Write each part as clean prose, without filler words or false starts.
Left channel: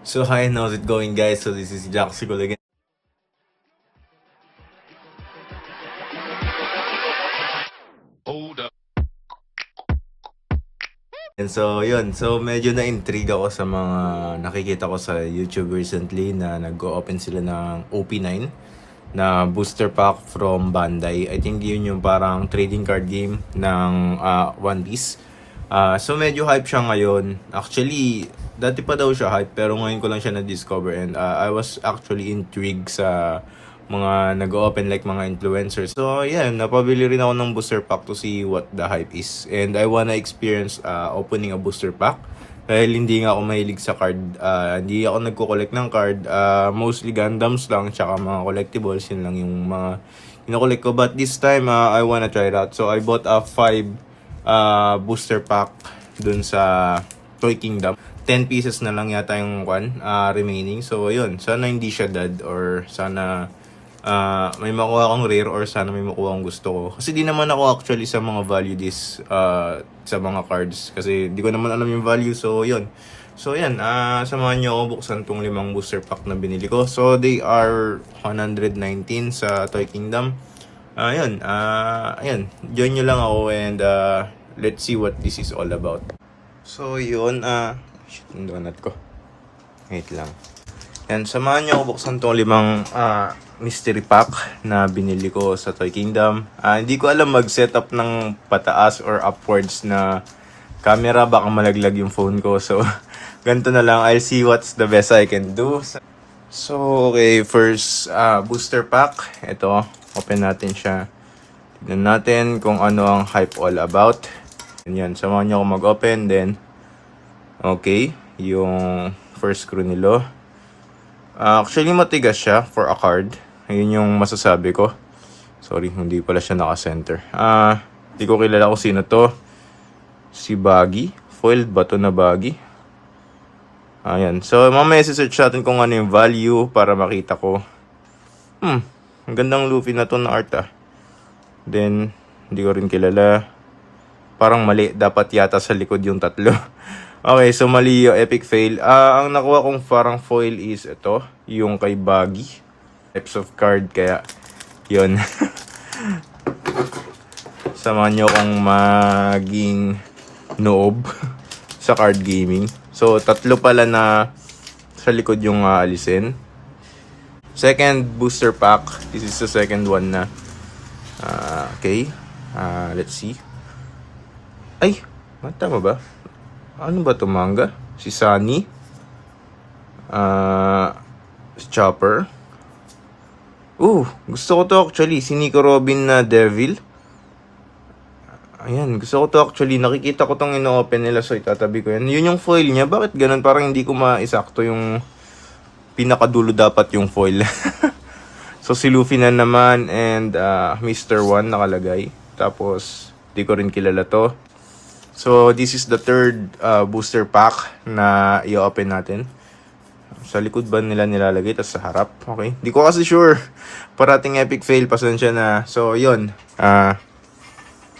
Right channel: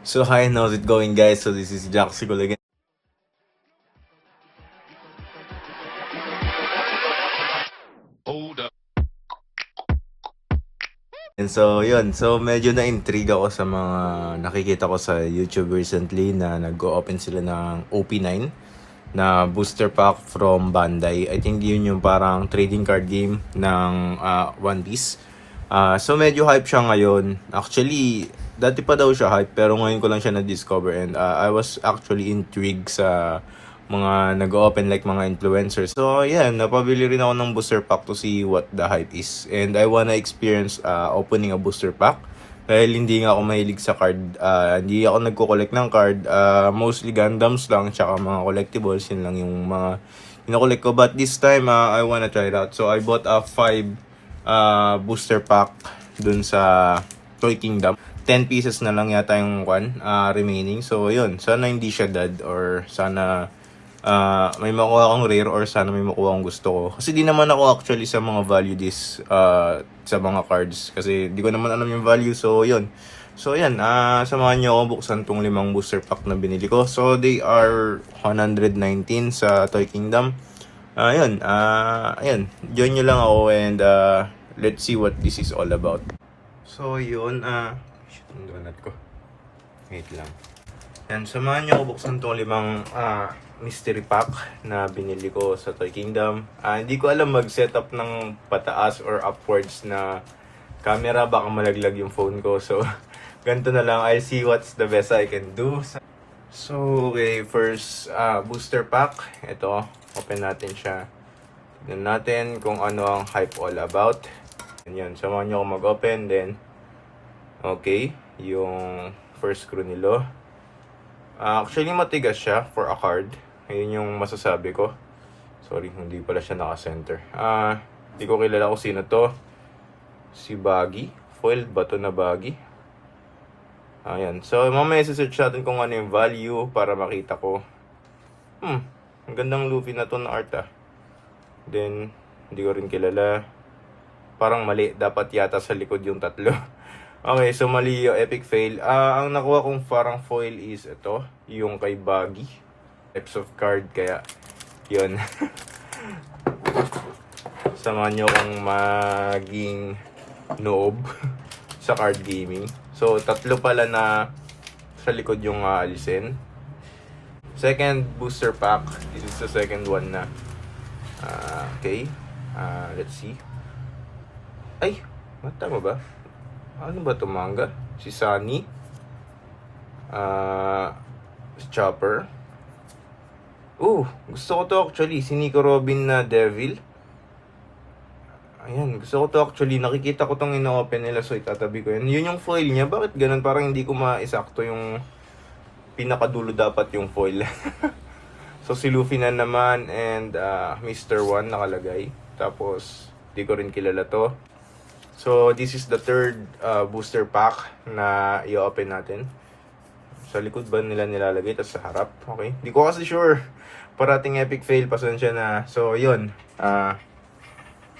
So hi, how's it going guys? So this is Jack Sigol again. Hold up. And so yun, so medyo na-intrigue ako sa mga nakikita ko sa YouTube recently na nag-open sila ng OP9 na booster pack from Bandai. I think yun yung parang trading card game ng One Piece. So medyo hype siya ngayon. Actually, dati pa daw siya hype pero ngayon ko lang siya na-discover and I was actually intrigued sa mga nag-open like mga influencers. So yeah, napabili rin ako ng booster pack to see what the hype is. And I wanna experience opening a booster pack. Dahil hindi nga ako mahilig sa card. Hindi ako nagko-collect ng card. Mostly Gundams lang, tsaka mga collectibles. Yun lang yung mga kinokollect ko. But this time, I wanna try it out. So I bought a 5 booster pack dun sa Toy Kingdom. 10 pieces na lang yata yung remaining. So yun, sana hindi siya dead or sana may makuha akong rare or sana may makuha akong gusto ko. Kasi di naman ako actually sa mga value this sa mga cards. Kasi di ko naman alam yung value. So, yun. So, yan. Samahan niyo ako buksan tong 5 booster pack na binili ko. So, they are 119 sa Toy Kingdom. Yun. Ayun. Join nyo lang ako and let's see what this is all about. So, yun. Shit, yung donut ko. Wait lang. Yan, samahan niyo ako buksan tong 5 mystery pack na binili ko sa Toy Kingdom. Hindi ko alam mag-setup ng pataas or upwards na camera. Baka malaglag yung phone ko. So, ganito na lang. I'll see what's the best I can do. So, okay. First, booster pack. Ito. Open natin siya. Tignan natin kung ano ang hype all about. Yan, samahan niyo ako mag-open. Then, okay. Yung first screw nilo. Actually, matigas siya for a card. Ayun yung masasabi ko. Sorry, hindi pala siya naka-center. Hindi ko kilala kung sino to. Si Baggy. Foiled ba to na Baggy? Ayan. So, mamaya search natin kung ano yung value para makita ko. Ang gandang Luffy na to na art Then, hindi ko rin kilala. Parang mali. Dapat yata sa likod yung tatlo. Okay, so mali yung epic fail. Ang nakuha kong parang foil is ito. Yung kay Baggy. Types of card, kaya yun. Samahan nyo akong maging noob sa card gaming. So, tatlo pala na sa likod yung alisin. Second booster pack. This is the second one na. Okay. Let's see. Ay, tama ba? Ano ba ito, manga? Si Sunny. Si Chopper. Gusto ko to actually. Si Nico Robin na Devil. Ayan, gusto ko to actually. Nakikita ko tong ino-open nila, so itatabi ko yan. Yun yung foil niya. Bakit ganun? Parang hindi ko maisakto yung pinakadulo dapat yung foil. So si Luffy na naman and Mr. One nakalagay. Tapos, di ko rin kilala to. So this is the third booster pack na i-open natin. Sa likod ba nila nilalagay, tapos sa harap? Okay. Di ko kasi sure. Parating epic fail, pasensya na. So, yun.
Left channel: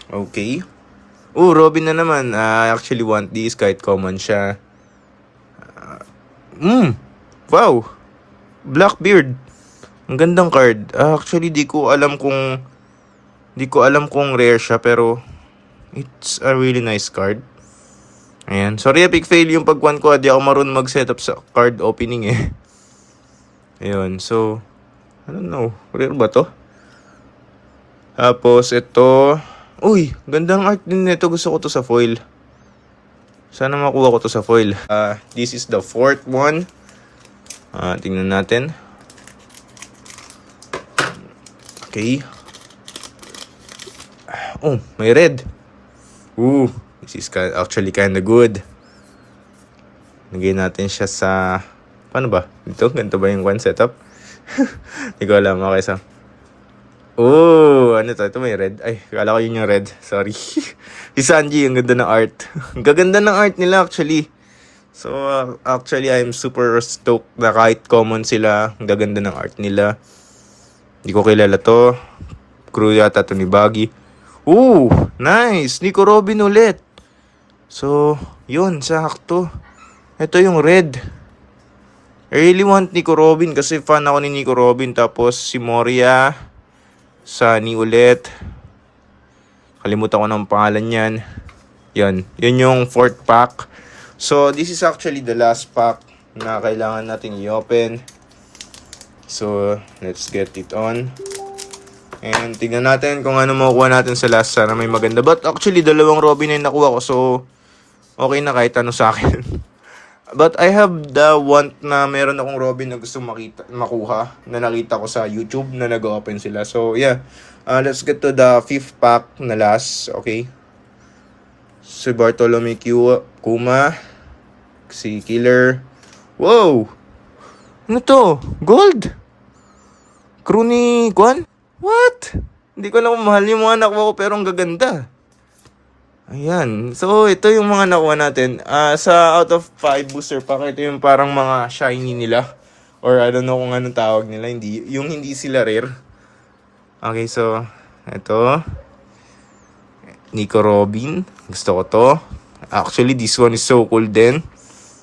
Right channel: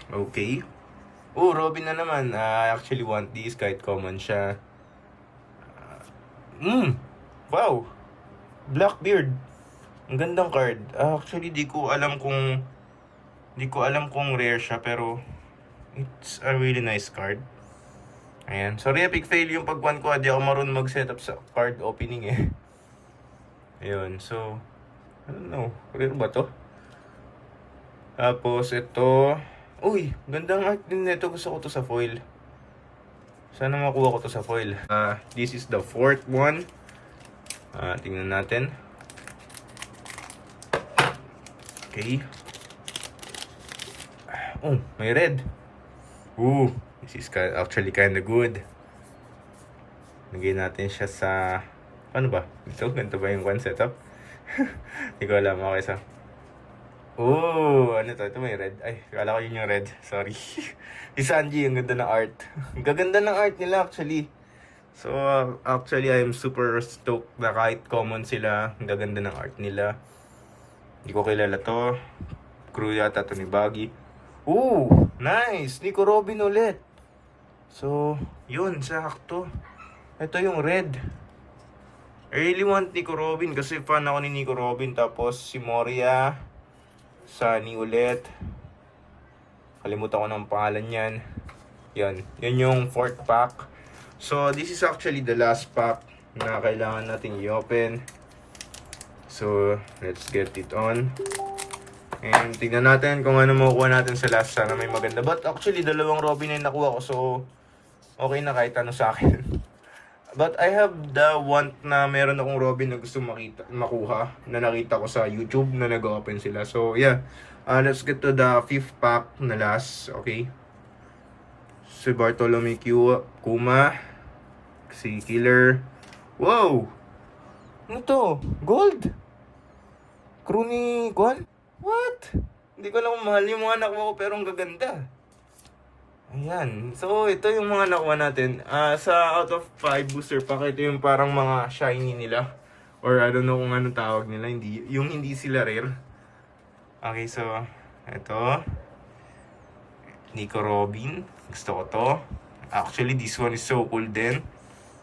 Okay. Robin na naman. I actually want this kahit common siya. Wow. Blackbeard. Ang gandang card. Actually, di ko alam kung rare siya, pero it's a really nice card. Ayan. Sorry, epic fail yung pag-1 ko. Di ako marunong mag-setup sa card opening eh. Ayun. So, I don't know. Rare ba to? Tapos, ito. Uy, gandang art din nito. Gusto ko to sa foil. Sana makuha ko to sa foil. This is the fourth one. Tingnan natin. Okay. May red. This is actually kinda good. Lagay natin siya sa... Paano ba? Dito? Ganito ba yung one setup? Hindi ko alam. Okay, so... ano to? Ito may red. Ay, kala ko yun yung red. Sorry. Si Sanji, ang ganda ng art. Ang gaganda ng art nila actually. So, actually, I'm super stoked na kahit common sila. Ang gaganda ng art nila. Hindi ko kilala to. Crew yata to ni Baggy. Nice! Nico Robin ulit. So, yun, sakto. Ito yung red. I really want Nico Robin kasi fan ako ni Nico Robin. Tapos si Moria, Sunny ulit. Kalimutan ko ng pangalan niyan. Yun yung fourth pack. So, this is actually the last pack na kailangan natin i-open. So, let's get it on. And tingnan natin kung ano makukuha natin sa last. Sana may maganda. But actually, dalawang Robin na nakuha ko. So, okay na kahit ano sa akin. But I have the want na meron akong Robin na gusto makuha. Na nakita ko sa YouTube na nag-open sila. So, yeah. Let's get to the fifth pack na last. Okay. Si Bartolome Kuma. Si Killer. Wow! Ano to? Gold? Crew ni Kwan? What? Hindi ko alam kung mahal yung mga nakuha ko pero ang gaganda. Ayan. So, ito yung mga nakuha natin. Sa out of 5 booster pack, ito yung parang mga shiny nila. Or I don't know kung anong tawag nila. Yung hindi sila rare. Okay, so, ito. Nico Robin. Gusto ko to. Actually, this one is so cool din.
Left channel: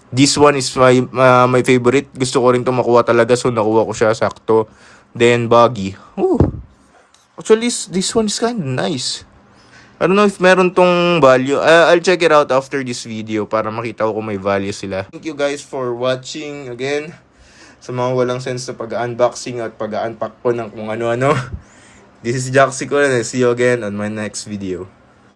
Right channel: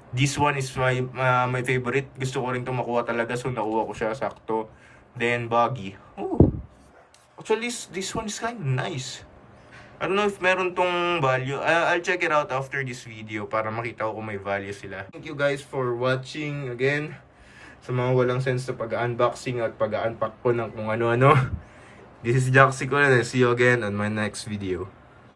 This one is my favorite. Gusto ko rin to makuha talaga. So, nakuha ko siya. Sakto. Then, Buggy. Ooh. Actually, this one is kind of nice. I don't know if meron tong value. I'll check it out after this video para makita ko kung may value sila. Thank you guys for watching again. Sa mga walang sense na pag-unboxing at pag-unpack po ng kung ano-ano. This is Jaxi ko. See you again on my next video.